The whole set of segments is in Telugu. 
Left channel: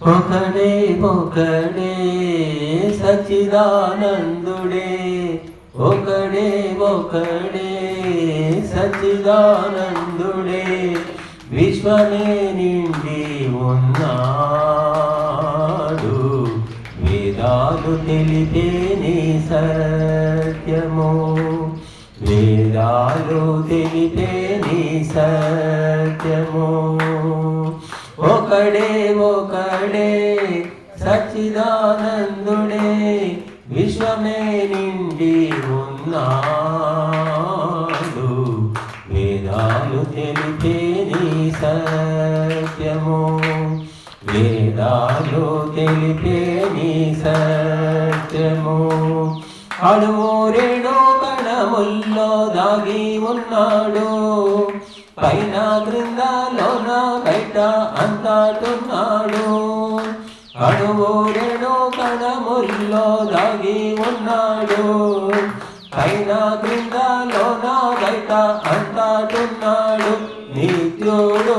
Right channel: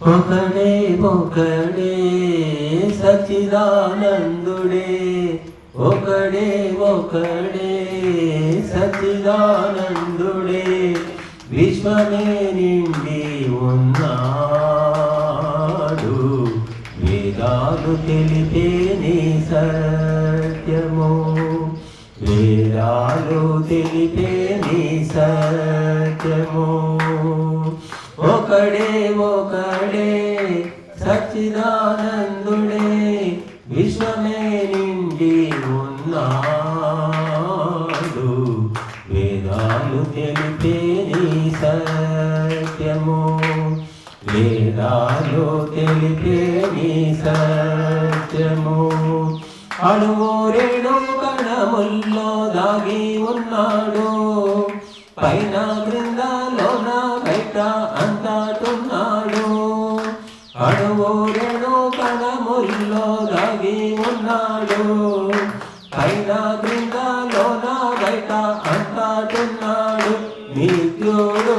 ఒకడే ఒకడే సచ్చిదానందుడే ఒకడే ఒకడే సచ్చిదానందుడే విశ్వమే నిండి ఉన్నాడు వేదాలు తెలిపే నీ సత్యము వేదాలు తెలిపే నీ సత్యము ఒకడే ఒకడే సచ్చిదానందుడే విశ్వమే నిండి ఉన్నాడు వేదాలు తెలిపే నీ సత్యము వేదాలు తెలిపే నీ సత్యము అణువు రేణు కణముల్లో దాగి ఉన్నాడు పైన క్రింద లోన బయట అంతటున్నాడు అణువు రేణు కణముల్లో దాగి ఉన్నాడు పైన క్రింద లోన బయట అంతటున్నాడు నిత్యుడు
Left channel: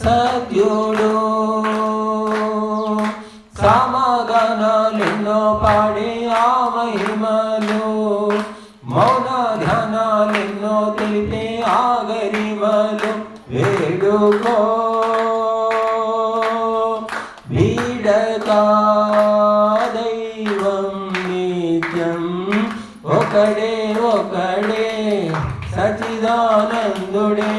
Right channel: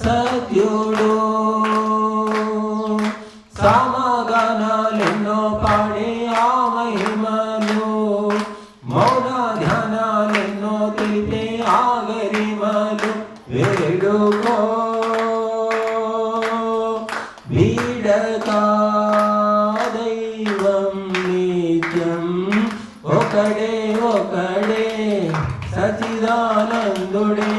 సత్యుడు సమగనాలెన్నో పాడి ఆ మహిమలు మౌన ధ్యానాలెన్నో తెలిపే ఆ గరిమలు వేడుకో వీడకా దైవం నిత్యం ఒకడే ఒకడే సచ్చిదానందుడే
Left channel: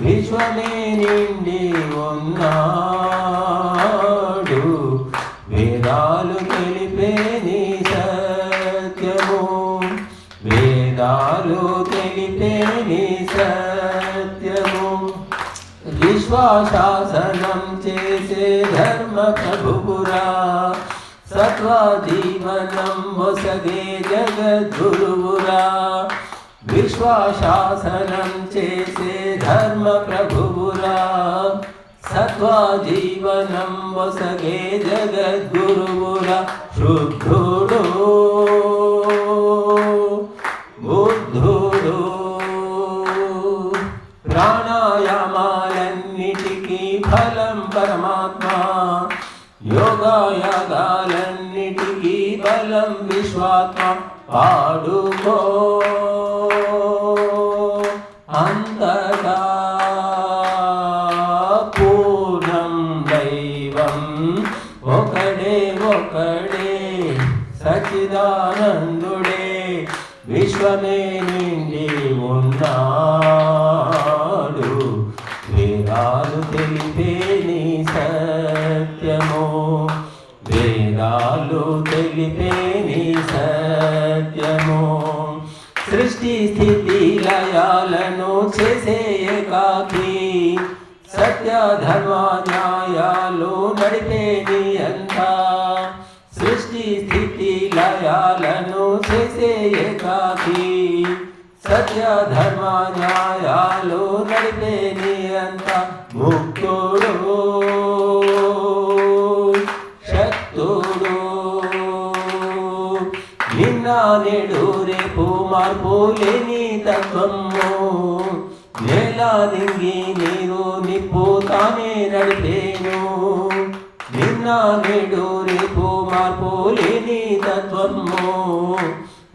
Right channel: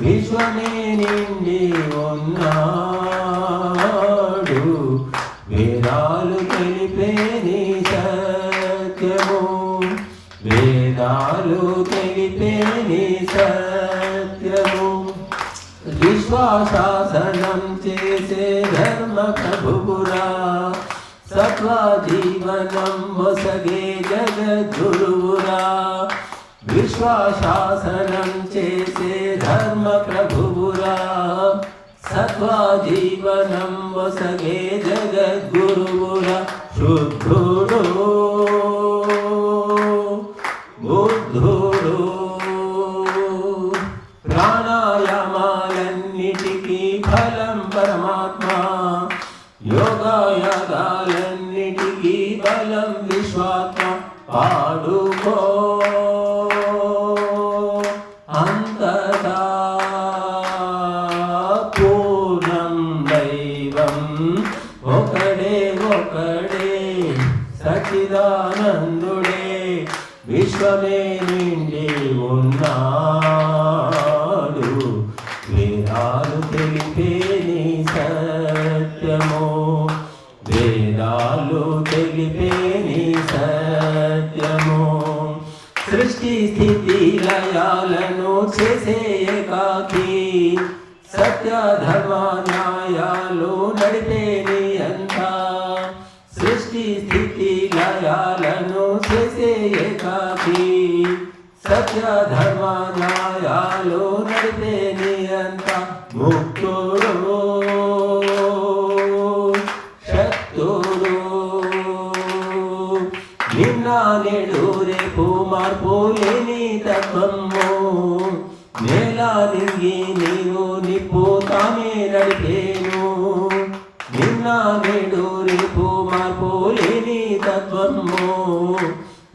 విశ్వమే నిండి ఉన్నాడు వేదాలు తెలిపే నీ సత్యము వేదాలు తెలిపే నీ సత్యము విశ్వాసాసనం చేసే ధర్మ ప్రభుపురా సత్వ జీవనం వసగే జగద్గురువురా విశ్వాసాసనం చేసే ధర్మ ప్రభువురా సత్వ జీవనం వసగే జగద్గురువురా శుద్ధుడు బుద్ధుడు ప్రాణాయామాలన్నిటికీ ఫలం పరమాత్మ యోగాయాగాలన్నిటికీ బలం విశ్వాత్మ పాడుకో అంతటా పూర్ణం దైవం ఒకడే ఒకడే సచ్చిదానందుడే విశ్వమే నిండి ఉన్నాడు వేదాలు తెలిపే నీ సత్యము వేదాలు తెలిపే నీ సత్యము సృష్టి స్థితి లయాలను చేసే ఏకాకి సత్య ధర్మ న్యాయాలు నడిపే నీ అంత సృష్టి స్థితి లయాలను చేసే ఏకాకి సత్య ధర్మ న్యాయాలు నడిపే నీ అంత ముక్తుడు శక్తుడు నిన్న నేడు రేపు మార్పు లేని తత్వము నేల నింగి నీరు నిప్పు తానే నడిపేను నిన్న నేడు రేపు మార్పు లేని తత్వము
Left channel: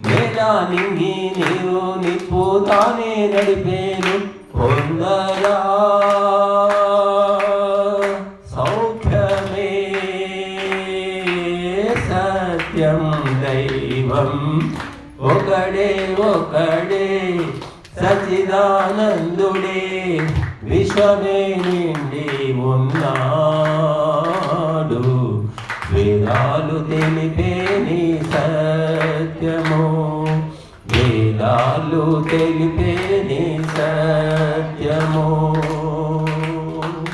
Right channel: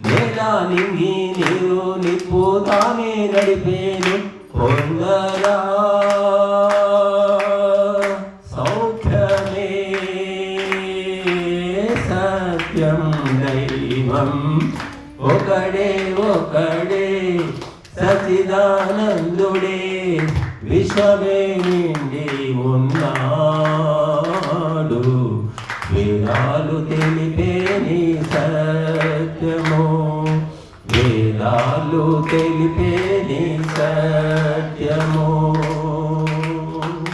నేల నింగి నీరు నిప్పు తానే నడిపేను పొందరా సౌఖ్యమే సత్యం దైవం ఒకడే ఒకడే సచ్చిదానందుడే విశ్వమే నిండి ఉన్నాడు వేదాలు తెలిపే నీ